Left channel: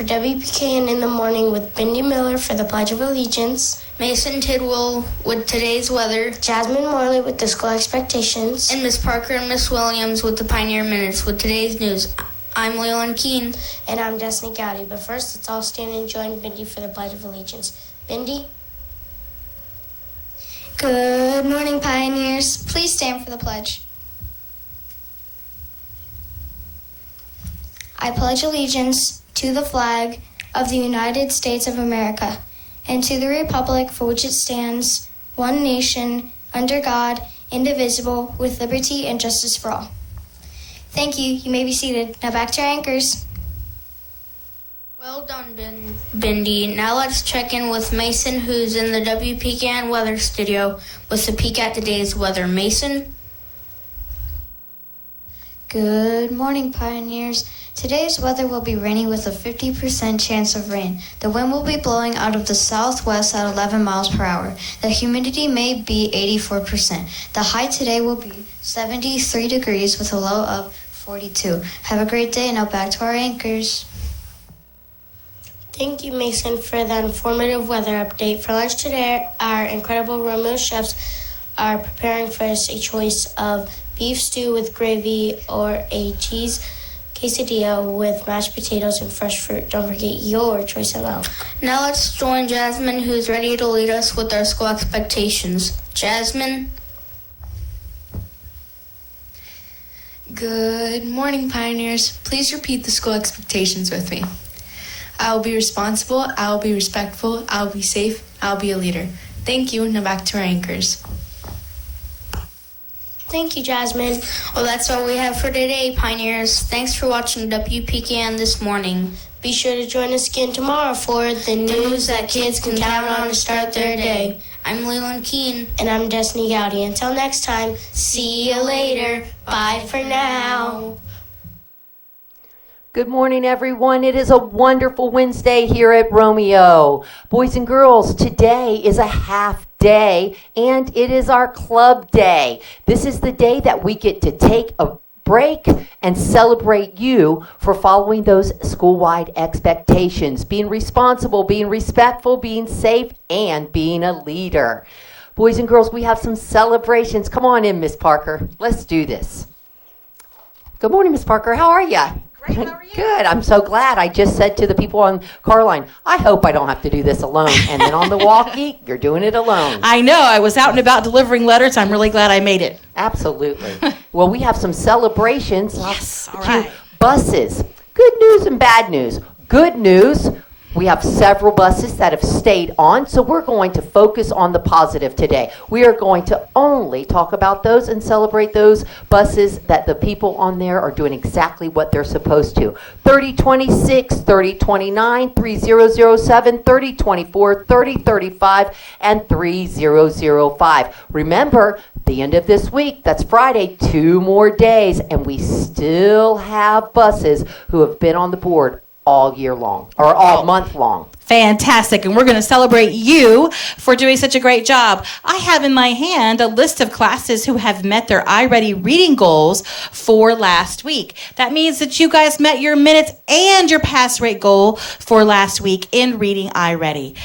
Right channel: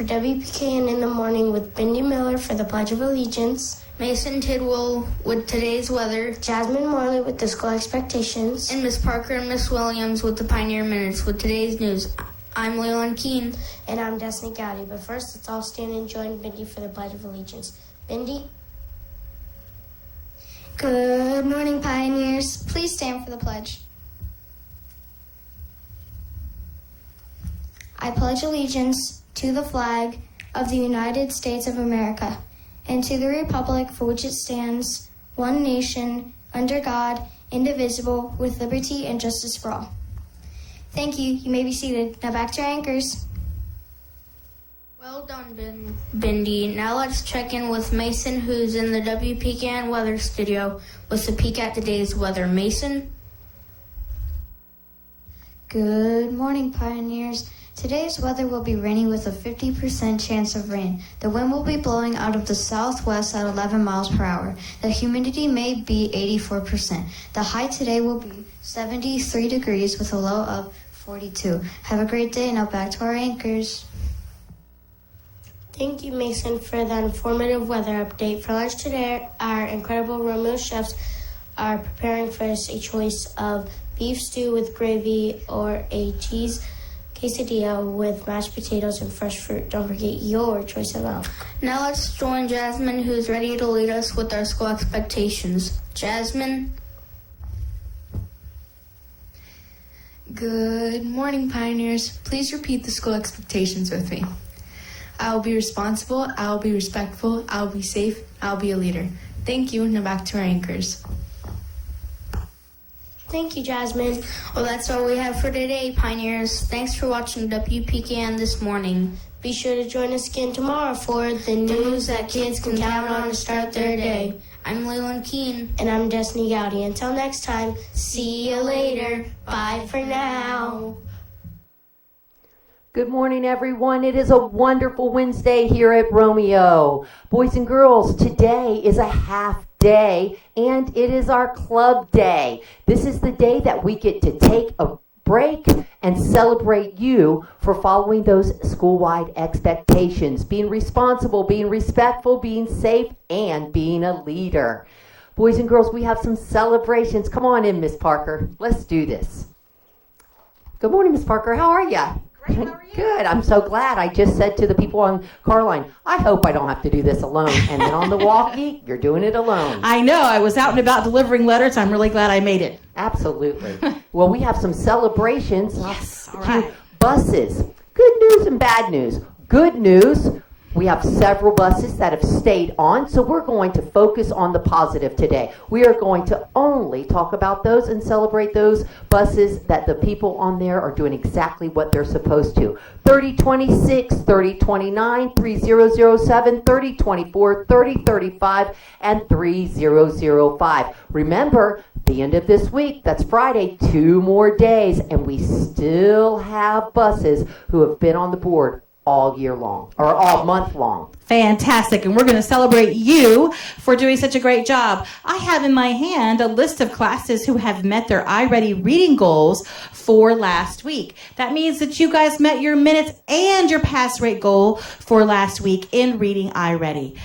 for WPKN in the morning with Bindi Miller for the Pledge of Allegiance, Mason Tidwell with today's weather, Jasmine Morley with the school expectations, and Miss Parker and Miss Williams with the Pioneer Minutes with today's news. I'm Leland Keene. And I'm Destiny Gowdy. But first, let's all stand and join Bindi for the Pledge of Allegiance. Bindi? Good morning, Pioneers. Please stand for the pledge. I pledge allegiance to the flag of the United States of America and to the republic for which it stands, one nation, under God, indivisible, with liberty and justice for all. Thank you. You may be seated. Now back to our anchors. Well done, Bindi. Now let's check in with Mason, who's in the WPKN weather studio with a peek at today's weather. Mason? Good morning, Pioneers. Today's weather will be rainy with a 50% chance of rain. The wind will be blowing out of the southwest at 11 miles per hour. The humidity may be 84%. The high today will be 73 degrees with a low of 42. Have a great day. Now back to our anchors. Thank you, Mason, for that informative weather update. For lunch today, our incredible Romeo chefs are preparing for us a choice of beef stew with gravy or a cheese quesadilla with mashed potatoes and fresh fruit. Don't forget your choice of milk. Now let's join Jasmine, who's ready to lead us with our school expectations. Jasmine? Good morning, Pioneers. Please repeat the school expectations with me. I will be responsible, I will be respectful, I will be safe, I will be a leader. Thank you. Now back to our anchors. Thank you, Jasmine. Well, that's all we have for today, Pioneers. Thanks for watching WPKN this morning. Be sure to join us again tomorrow for the news that kids can count on to start their day. I'm Leland Keene. And I'm Destiny Gowdy. Until next time, see you later. Bye for now. Good morning, everyone. It is a wonderful Wednesday here at Romeo. Boys and girls, today is a half day, and it is our club day. This is the day that we get to take a break and celebrate you for following those school-wide expectations, being responsible, being respectful, being safe, and being a leader. Boys and girls, we have some celebrations. Come on in, Miss Parker. Let's do this. Good morning, Miss Parker. How are you? Great, how are you? Good. I'm so glad. I just said to the people on car line, I hope I don't have to do this alone. And then on the walkie, you're doing it alone. I know. I was out and about delivering letters. I'm really glad I made it. Absolutely. Well, we have some celebrations. Yes. All right. Buses. Good news and bad news. Good news. We have several buses that have stayed on, so we're going to focus on the positive today. We are going to only talk about those and celebrate those buses that the people on there are doing exactly what they're supposed to. 3026, 3029, 3007, 3024, 3035, and 3005. Remember, the end of this week, that's Friday, 2 more days, and we still have buses who have been on the board all year long, or all month long. Fantastic. And we're going to celebrate you for doing such a great job. I have in my hand a list of classes who have met their iReady reading goals for last week. That means that you guys met your minutes and your pass rate goal for last week in reading iReady.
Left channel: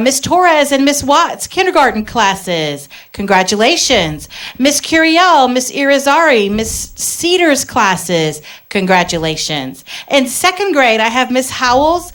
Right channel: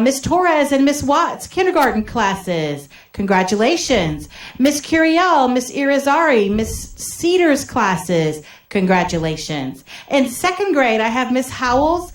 Miss Torres and Miss Watts, kindergarten classes. Congratulations. Miss Curiel, Miss Irizarry, Miss Cedars classes. Congratulations. In second grade, I have Miss Howell's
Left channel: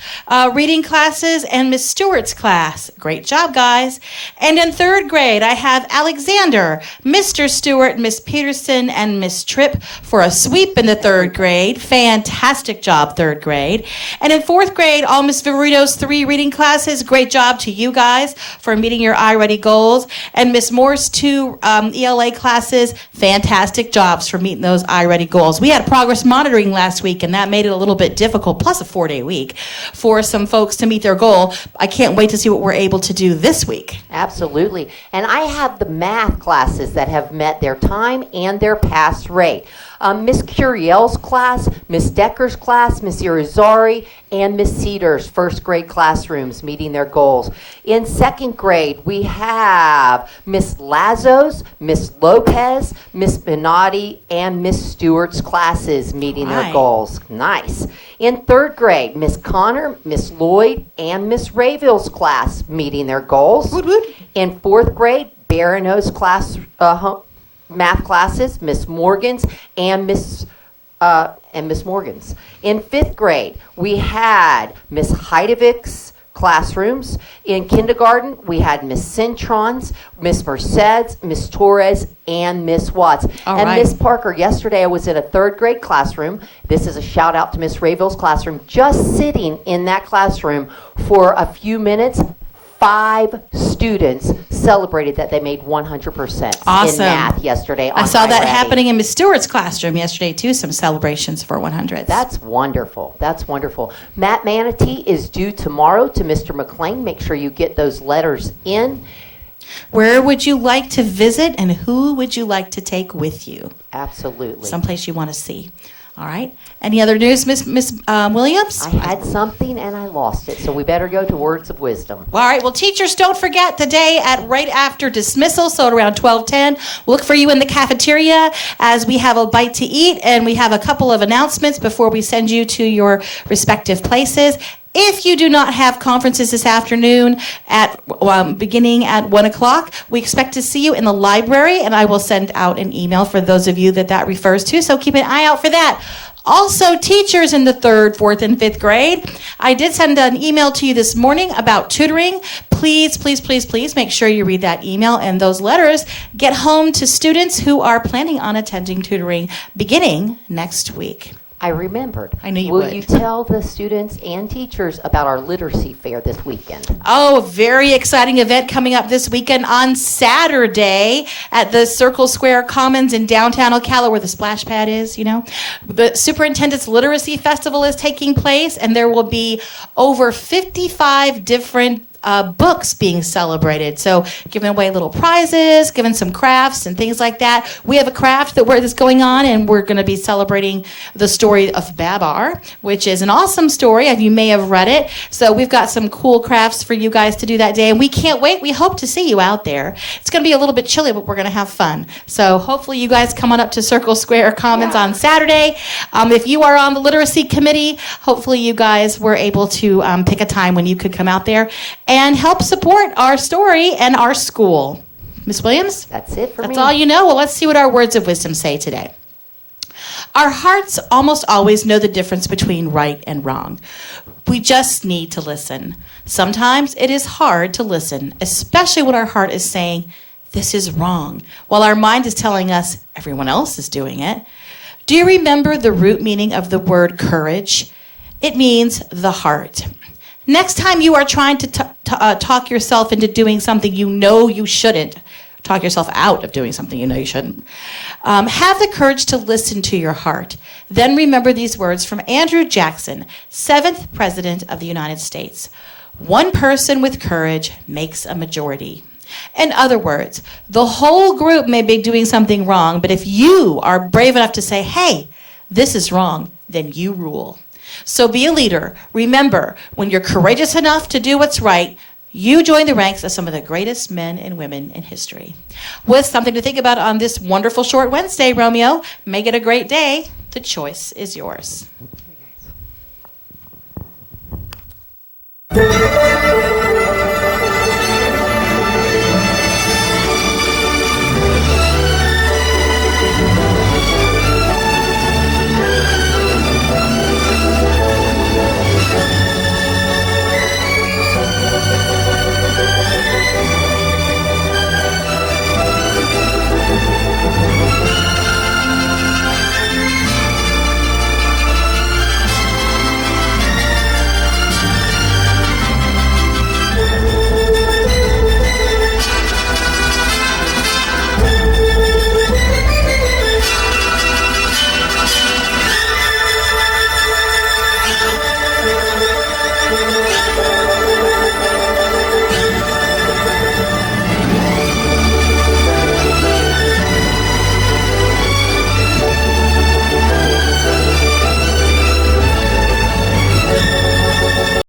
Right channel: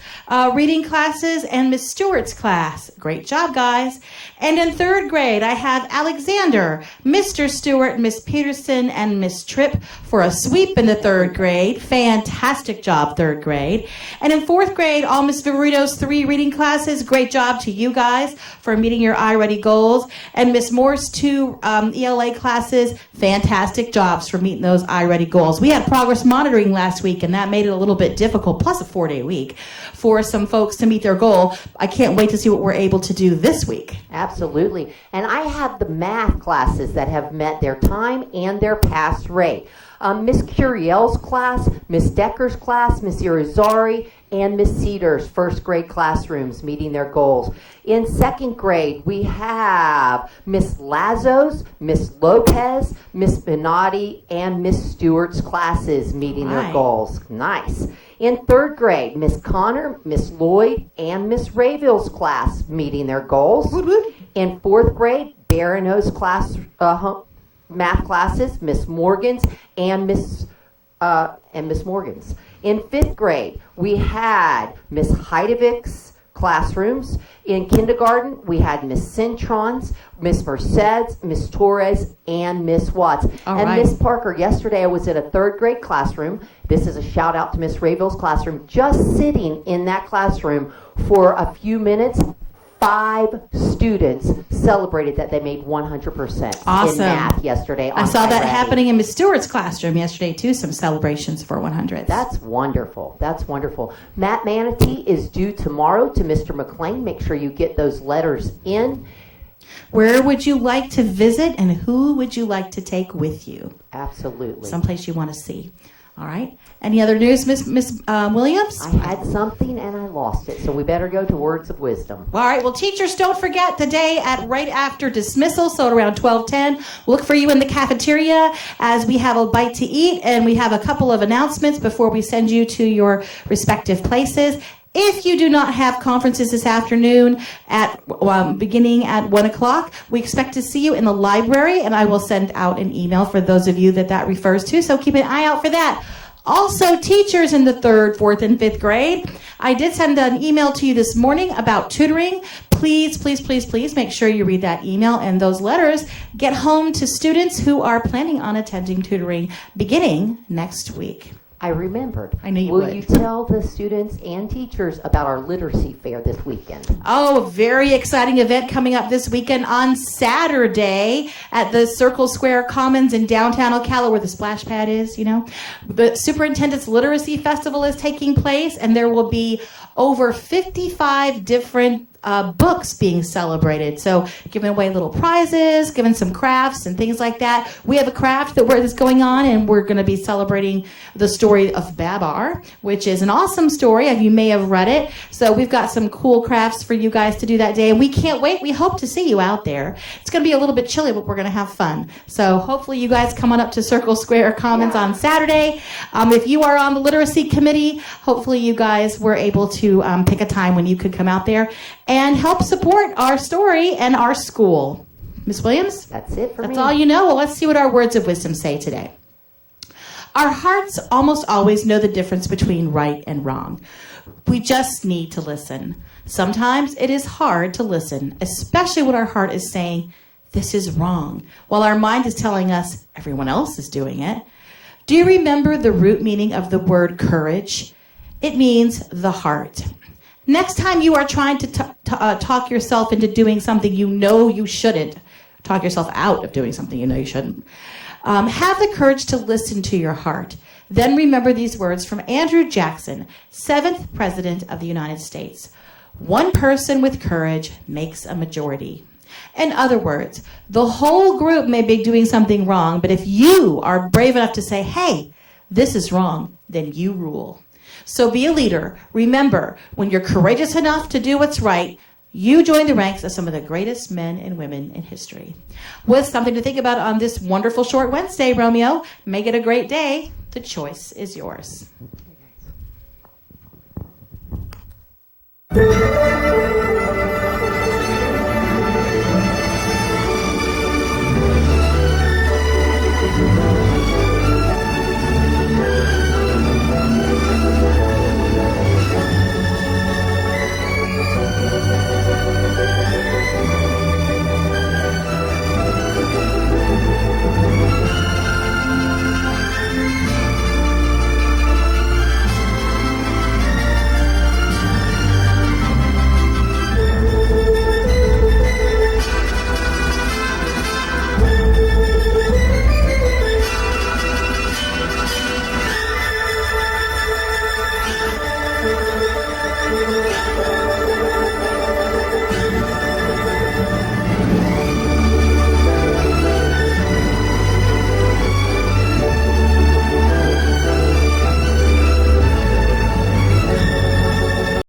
reading classes and Miss Stewart's class. Great job, guys. And in third grade, I have Alexander, Mr. Stewart, Miss Peterson, and Miss Tripp for a sweep in the third grade. Fantastic job, third grade. And in fourth grade, all Miss Viverito's 3 reading classes. Great job to you guys for meeting your iReady goals. And Miss Moore's 2 ELA classes. Fantastic jobs for meeting those iReady goals. We had progress monitoring last week, and that made it a little bit difficult, plus a 4-day week, for some folks to meet their goal. I can't wait to see what we're able to do this week. Absolutely. And I have the math classes that have met their time and their pass rate. Miss Curiel's class, Miss Decker's class, Miss Irizarry, and Miss Cedar's first grade classrooms meeting their goals. In second grade, we have Miss Lazo's, Miss Lopez, Miss Benatti, and Miss Stewart's classes meeting their goals. Nice. In third grade, Miss Connor, Miss Lloyd, and Miss Rayville's class meeting their goals. Woot woot. In fourth grade, Barano's class, math classes, Miss Morgan's, and Miss Morgan's. In fifth grade, we had Miss Heidevick's classrooms. In kindergarten, we had Miss Cintron's, Miss Merced's, Miss Torres, and Miss Watts. Miss Parker, yesterday I was in a third grade classroom. This is a shout out to Miss Rayville's classroom. Just sitting in that classroom for a few minutes, 5 students celebrated that they made 100% awesome. In math yesterday. I saw that happening in Miss Stewart's classroom yesterday too, some celebrations for 100. That's wonderful. That's wonderful. Matt Manatee is due tomorrow to Mr. McLean. Make sure you get those letters in. Where would you like to visit, and who would you like to take with you? Absolutely. Someplace you want to see. All right. Any other news, Miss Williams? I had something and I lost it, so we better go to words of wisdom. All right. Well, teachers, don't forget today at right after dismissal, so at around 12:10, we'll look for you in the cafeteria as we have a bite to eat, and we have a couple of announcements before we send you to your respective places. If you do not have conferences this afternoon at beginning at 1 o'clock, we expect to see you in the library, and I will send out an email for those of you that refers to, so keep an eye out for that. Also, teachers in the 3rd, 4th, and 5th grade, I did send an email to you this morning about tutoring. Please, please, please, please make sure you read that email and those letters. Get home to students who are planning on attending tutoring beginning next week. I remembered. I knew you would. would. Will you tell the students and teachers about our literacy fair this weekend? Oh, very exciting event coming up this weekend on Saturday at the Circle Square Commons in downtown Ocala, where the splash pad is, you know. The Superintendent's Literacy Festival is taking place, and there will be over 55 different books being celebrated. So giving away little prizes, giving some crafts and things like that. We have a craft that's going on, and we're going to be celebrating the story of Babar, which is an awesome story, and you may have read it. So we've got some cool crafts for you guys to do that day, and we can't wait. We hope to see you out there. It's going to be a little bit chilly, but we're going to have fun. So hopefully you guys come on up to Circle Square Commons on Saturday. If you are on the literacy committee, hopefully you guys were able to pick a time when you could come out there and help support our story and our school. Miss Williams? That's it for me. That's all you know? Well, let's see what our words of wisdom say today. Our hearts almost always know the difference between right and wrong. We just need to listen. Sometimes it is hard to listen, especially when our heart is saying, this is wrong, while our mind is telling us everyone else is doing it. Do you remember the root meaning of the word courage? It means the heart. Next time you are trying to talk yourself into doing something you know you shouldn't, talk yourself out of doing something you know you shouldn't, have the courage to listen to your heart. Then remember these words from Andrew Jackson, 7th President of the United States. One person with courage makes a majority. In other words, the whole group may be doing something wrong, but if you are brave enough to say, hey, this is wrong, then you rule. So be a leader. Remember, when you're courageous enough to do what's right, you join the ranks of some of the greatest men and women in history. With something to think about on this wonderful short Wednesday, Romeo. Make it a great day. The choice is yours.